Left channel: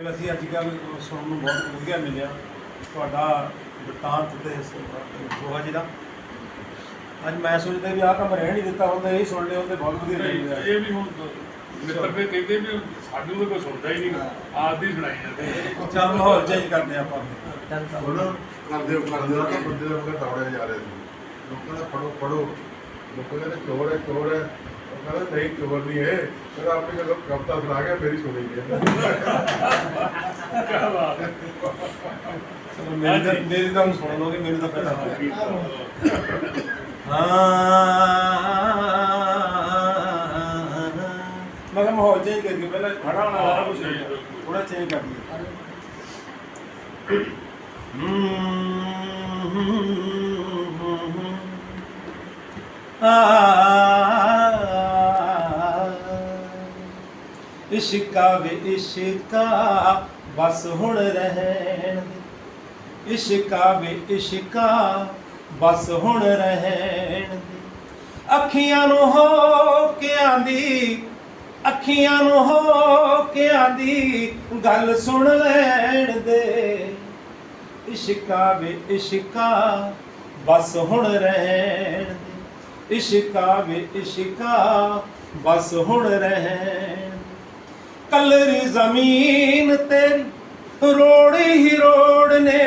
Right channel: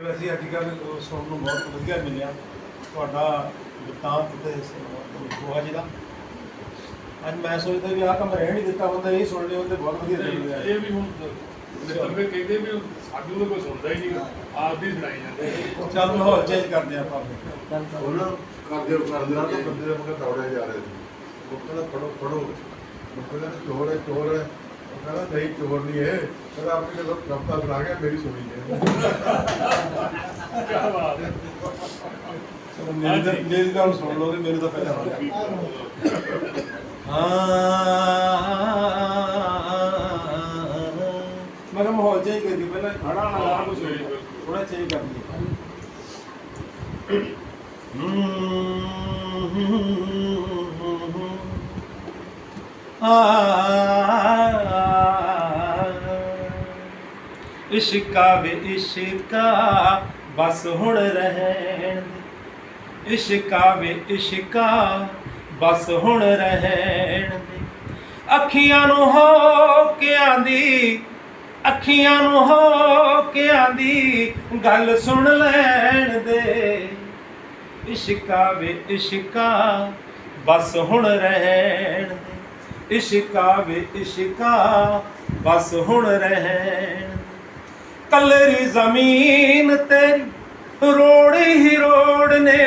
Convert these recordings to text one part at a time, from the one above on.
ਵੈਸੇ ਅੱਜ ਕੱਲ੍ਹ ਸੁਣਨ ਨੂੰ ਬਹੁਤ ਵਧੀਆ ਮਿਲਿਆ। ਤੁਹਾਡਾ ਵਰਤਾਂਤ ਤੇ ਗੋਹਾ ਜੀ ਦਾ। ਅੱਜ ਮੈਂ ਸੋਚਦਾ ਵੀ ਆਹ ਕੰਮ ਰਹਿਣ ਨਹੀਂ ਦਿੱਤਾ ਹੁੰਦਾ ਇਹ ਸੁਣ ਲਿਆ ਹੁੰਦੇ ਬਹੁਤ ਵਧੀਆ ਲੱਗਦਾ ਇਹ ਵੀ ਹੁਣ ਮਿੱਤਰ ਫਿਰ ਕਹਿੰਦੇ ਵੀ ਸਾਡੇ ਨੂੰ ਤਾਂ ਕੋਈ ਸੁਣਦਾ ਹੀ ਨਹੀਂ ਆਪ ਦੀ ਸੁਣਾਈ ਜਾਂਦੇ ਚੱਲ ਮਾਹੌਲ ਚੇਂਜ ਕਰਦੇ ਆਪਾਂ ਹੁਣ ਕਰਦੇ ਕਰਦੇ ਨਾ ਤਾਂ ਬੰਦੇ ਦੇ ਮਗਰ ਦੌੜੇ ਜਾ ਰਹੇ ਸੀ। ਲੋਕਾਂ ਦਾ ਫੜੋ ਫੜੋ। ਲੋਕਾਂ ਕਹਿੰਦੇ ਚੋਰ ਹੈ ਚੋਰ ਹੈ। ਉਹ ਕਹਿੰਦਾ ਨਹੀਂ ਚੋਰ ਨਹੀਂ ਹੈ ਪਰ ਆਪੇ ਜਦੋਂ ਕਵਤਾ ਸੁਣਾ ਗਿਆ ਮੇਰੀ ਸੁਣੀ ਨਹੀਂ ਕੀ ਬਾਤ ਹੈ। ਚਲੋ ਮੇਰੀ ਤਾਂ ਮੇਰੀ ਤਾਂ ਹੁਣ ਸੁਣ ਲੋਗੇ ਮੇਰੀ ਤਾਂ ਪਹਿਲਾਂ ਹੋ ਗਿਆ ਹਾਂ। ਮੈਂ ਕਿਹਾ ਮਾਹੌਲ ਚੇਂਜ ਕਰੀਏ ਪਹਿਲਾਂ ਖੜਾ ਹੋਣਾ ਸਾਰਾ ਕੁਝ ਥੋੜਾ ਚੇਂਜ ਕਰ ਲਈਏ। ਇਸ਼ਕਾ ਵੇ ਇਸ਼ਕਾ, ਬਸ ਹੁਣ ਰਹਿਣ। ਦੇ ਇਸ਼ਕਾ ਵੇ ਇਸ਼ਕਾ, ਬਸ ਹੁਣ ਰਹਿਣ। ਦੇ ਅੱਖੀਆਂ ਨੂੰ ਹੋ ਕੇ ਆਂਦੀ, ਅੱਖੀਆਂ ਨੂੰ ਹੋ ਕੇ ਆਂਦੀ, ਗੱਲ ਸੁਣ ਲੈਣ ਦੇ। ਇਸ਼ਕਾ ਵੇ ਇਸ਼ਕਾ, ਬਸ ਹੁਣ ਰਹਿਣ ਦੇ। ਇਸ਼ਕਾ ਵੇ ਇਸ਼ਕਾ, ਬਸ ਹੁਣ ਰਹਿਣ। ਕਲਰੀ ਜ਼ਮੀਨ ਤੇਰੀ, ਰੋੜੀ ਹੀ ਰੋੜ ਨੇ।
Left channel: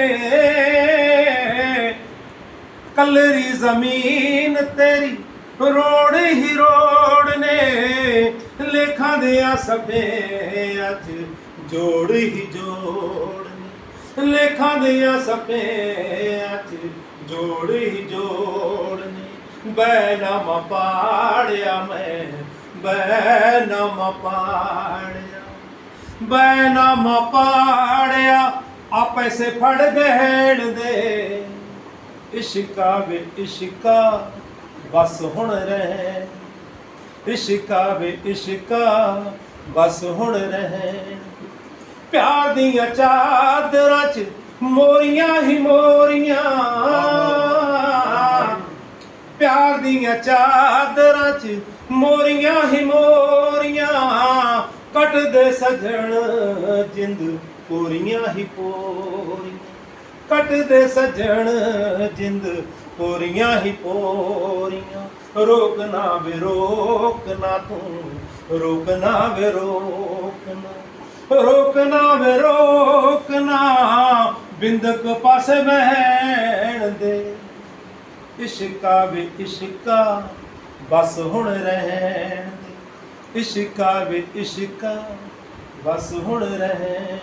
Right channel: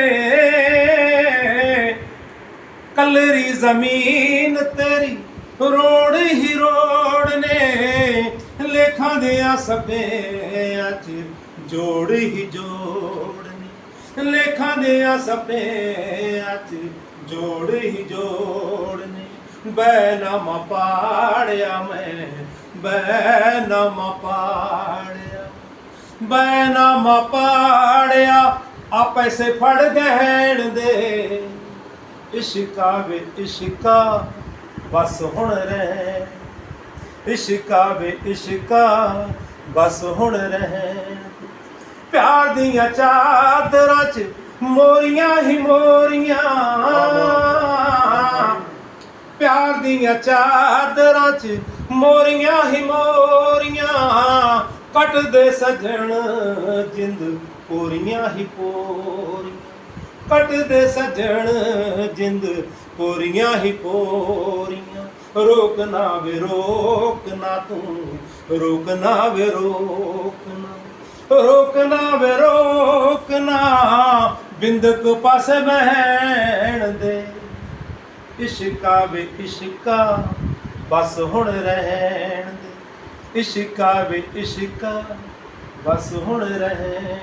ਕਲਰੀ ਜ਼ਮੀਨ ਤੇਰੀ, ਰੋੜ ਹੀ ਰੋੜ ਨੇ। ਲੇਖਾਂ ਦੇ ਆ ਸਭੇ ਅੱਜ ਜੋੜ ਹੀ ਜੋੜ ਨੇ। ਲੇਖਾਂ ਦੇ ਆ ਸਭੇ ਅੱਜ ਜੋੜ ਹੀ ਜੋੜ ਨੇ। ਬੈਨਾਮਾ ਪਾੜਿਆ ਮੈਂ ਬੈਨਾਮਾ ਪਾੜ ਬੈਨਾਮਾ ਪਾੜਿਆ ਆ ਪੈਸੇ ਫੜ ਗਹਿਣ ਦੇ। ਇਸ਼ਕਾ ਵੇ ਇਸ਼ਕਾ, ਬਸ ਹੁਣ ਰਹਿ। ਇਸ਼ਕਾ ਵੇ ਇਸ਼ਕਾ, ਬਸ ਹੁਣ ਰਹਿ। ਪਿਆਰ ਦੀਆਂ ਚਾਦਰਾਂ 'ਚ ਮੋਰੀਆਂ ਹੀ ਮੋਰੀਆਂ। ਪਿਆਰ ਦੀਆਂ ਚਾਦਰਾਂ 'ਚ ਮੋਰੀਆਂ ਹੀ ਮੋਰੀਆਂ। ਕੱਟਦੇ ਸਜਣ ਜਿੰਦ ਪੂਰੀਆਂ ਹੀ ਪੂਰੀਆਂ ਕੱਟਦੇ ਸਜਣ ਜਿੰਦ ਪੂਰੀਆਂ ਹੀ ਪੂਰੀਆਂ। ਰੋਕਣਾ ਵੇ ਰੋਕਣਾ ਤੂੰ ਰੋਕਣਾ ਵੇ ਰੋਕਣਾ ਰੋਕਣਾ ਵੇ ਰੋਕਣਾ ਬਿੰਦਕ ਪਾਸੇ ਬਹਿਣ ਦੇ। ਇਸ਼ਕਾ ਵੇ ਇਸ਼ਕਾ, ਬਸ ਹੁਣ ਰਹਿਣ ਦੇ। ਇਸ਼ਕਾ ਵੇ ਇਸ਼ਕਾ ਬਸ ਹੁਣ ਰਹਿ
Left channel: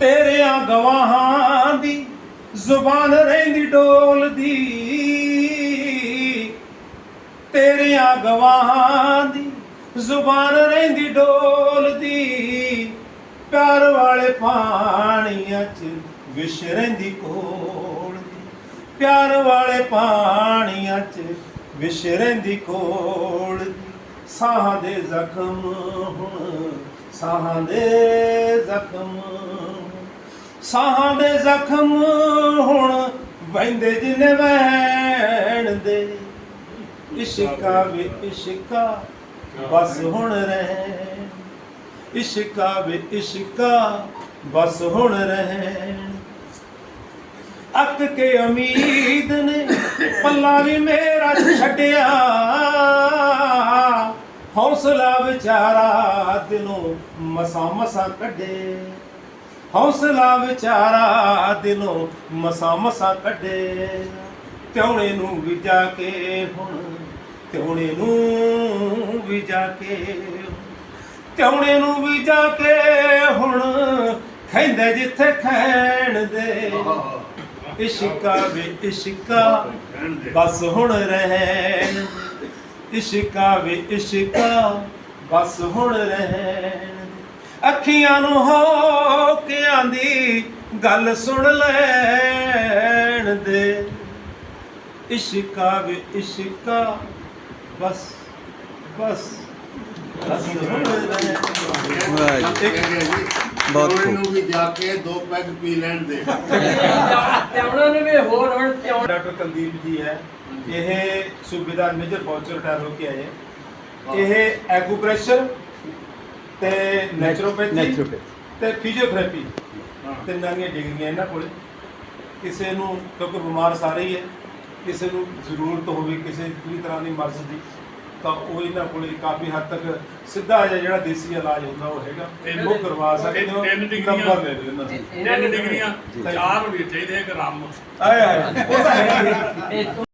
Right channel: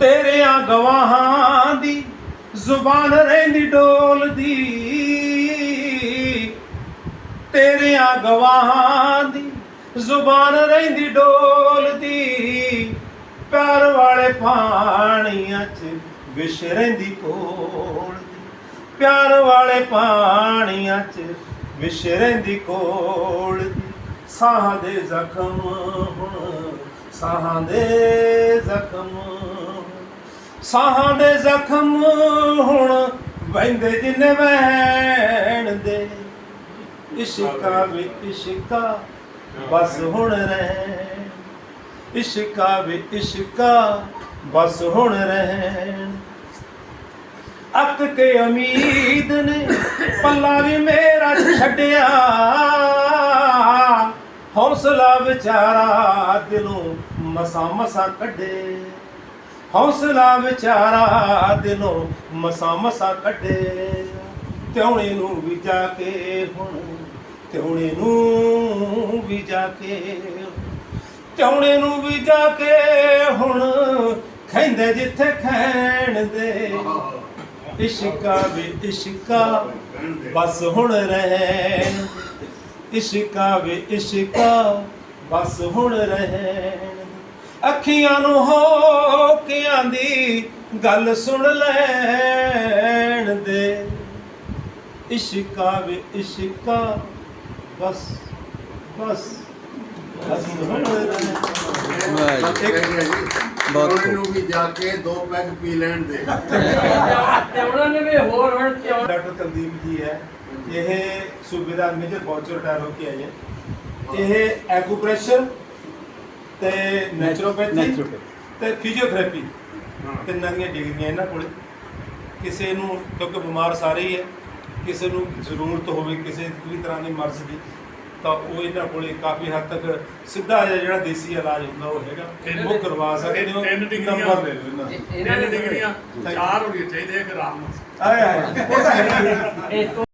ਤੇਰਿਆਂ ਗਵਾਹਾਂ ਦੀ ਜ਼ੁਬਾਨ ਰਹਿੰਦੀ, ਡੋਲਦੀ। ਤੇਰਿਆਂ ਗਵਾਹਾਂ ਦੀ ਜ਼ੁਬਾਨ ਰਹਿੰਦੀ, ਡੋਲਦੀ। ਪਿਆਰ ਵਾਲੇ ਪਾਣੀਆਂ 'ਚ ਵਿਸ਼ ਰਹਿੰਦੀ, ਕੋਲਦੀ। ਪਿਆਰ ਵਾਲੇ ਪਾਣੀਆਂ 'ਚ ਵਿਸ਼ ਰਹਿੰਦੀ, ਕੋਲਦੀ। ਸਾਹਾਂ ਦੇ ਜ਼ਖਮ ਹੁਣ, ਸਾਹਾਂ ਦੇ ਜ਼ਖਮ। ਸਾਹਾਂ ਦੇ ਜ਼ਖਮ ਹੁਣ ਵਹਿੰਦੇ ਜਿੰਨੇ ਵਹਿਣ ਦੇ। ਇਸ਼ਕਾ ਵੀ ਇਸ਼ਕਾ, ਬਸ ਹੁਣ ਰਹਿਣ। ਇਸ਼ਕਾ ਵੀ ਇਸ਼ਕਾ, ਬਸ ਹੁਣ ਰਹਿਣ। ਅੱਕ ਕੇ ਉਮੀਦ ਨੇ ਪੱਲਾ ਵੀ ਮੇਰਾ ਛੱਡਿਆ। ਹੌਸਲਾ ਵਿਚਾਰਾ ਦਿਲੋਂ ਮਸਾ ਮਸਾ ਕੱਢੇ। ਹੌਸਲਾ ਵਿਚਾਰਾ ਦਿਲੋਂ ਮਸਾ ਮਸਾ ਕੱਢੇ। ਤਿਉਣੇ ਨੂੰ ਵੀ ਜਾ ਕੇ ਹੁਣ ਤਿਉਣੇ ਨੂੰ ਵੀ ਜਾ ਕੇ ਤਿਉਣੇ ਨੂੰ ਵੀ ਜਾ ਕੇ ਹੁਣ ਖੈਂਦੇ ਜਿੱਥੇ ਖੈਣ ਦੇ ਇਸ਼ਕਾ ਵੀ ਇਸ਼ਕਾ, ਬਸ ਹੁਣ ਰਹਿਣ। ਇਸ਼ਕਾ ਵੀ ਇਸ਼ਕਾ ਬਸ ਹੁਣ ਰਹਿਣ। ਅੱਖੀਆਂ ਨੂੰ ਹੋ ਕੇ ਆਂਦੀ ਗੱਲ ਸੁਣ ਲੈਣ ਦੇ। ਇਸ਼ਕਾ ਵੀ ਇਸ਼ਕਾ ਬਸ ਬਸ ਬਸ ਹੁਣ ਰਹਿਣ। ਵਾਹ ਜੀ ਬਹੁਤ ਖੂਬ। ਨੂੰ ਵੀ ਜਾ ਕੇ ਦੋ ਪੈਗ ਪੀ ਲੈਣ ਦੇ ਉਹਨਾਂ ਨੇ ਵੀ ਹੋਰ ਹੁਣ ਤੇ ਡਾਕਟਰ ਕੁਲਦੀਪ ਜੀ ਹੈ ਇਹ ਸੂਬੇਦਾਰ ਮੇਜਰ ਫੌਜ ਚੋਂ ਰਿਟਾਇਰ ਹੋ ਕੇ ਆਏ ਹੈ। ਇਹ ਐਕੂਪ੍ਰੈਸ਼ਰ ਤੇ ਨੈਚੁਰੋਪੈਥੀ। ਤੇ ਫਿਜ਼ੀਓਥੈਰੇਪੀ। ਤਿੰਨਾਂ ਦੀਆਂ ਡਿਗਰੀਆਂ ਇਹਨਾਂ ਕੋਲੇ ਕਿਸੇ ਨੂੰ ਕਿਉਂਕਿ ਬਿਮਾਰ ਸਾਰੇ ਹੀ ਹੈ ਕਿਸੇ ਨੂੰ ਜ਼ਰੂਰਤ ਹੋਵੇ ਕਿਸੇ ਵੀ ਤਰ੍ਹਾਂ ਦੀ ਮਰਜ਼ ਦੀ ਤਾਂ ਉਹ ਇਹਨਾਂ ਕੋਲੇ ਕਾਫੀ ਹੱਦ ਤੱਕ ਸਿੱਧਾ ਜਿਹਾ ਜਿਹੜਾ ਦੇਸੀ ਇਲਾਜ ਹੁੰਦਾ ਉਹ ਹੈਗਾ। ਉਹ ਕਰਵਾ ਸਕਦੇ ਹੋ ਤਿੰਨ ਡਿਗਰੀਆਂ। ਨੰਬਰ ਲੈ ਲਓ ਇਹਨਾਂ ਦੇ ਤਿੰਨ ਡਿਗਰੀਆਂ ਚਾਰ ਹੋਣੀਆਂ ਚਾਹੀਦੀਆਂ ਇੱਕ ਰੰਮ ਆਏ ਆਏ।